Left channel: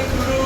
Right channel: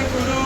Hallelujah.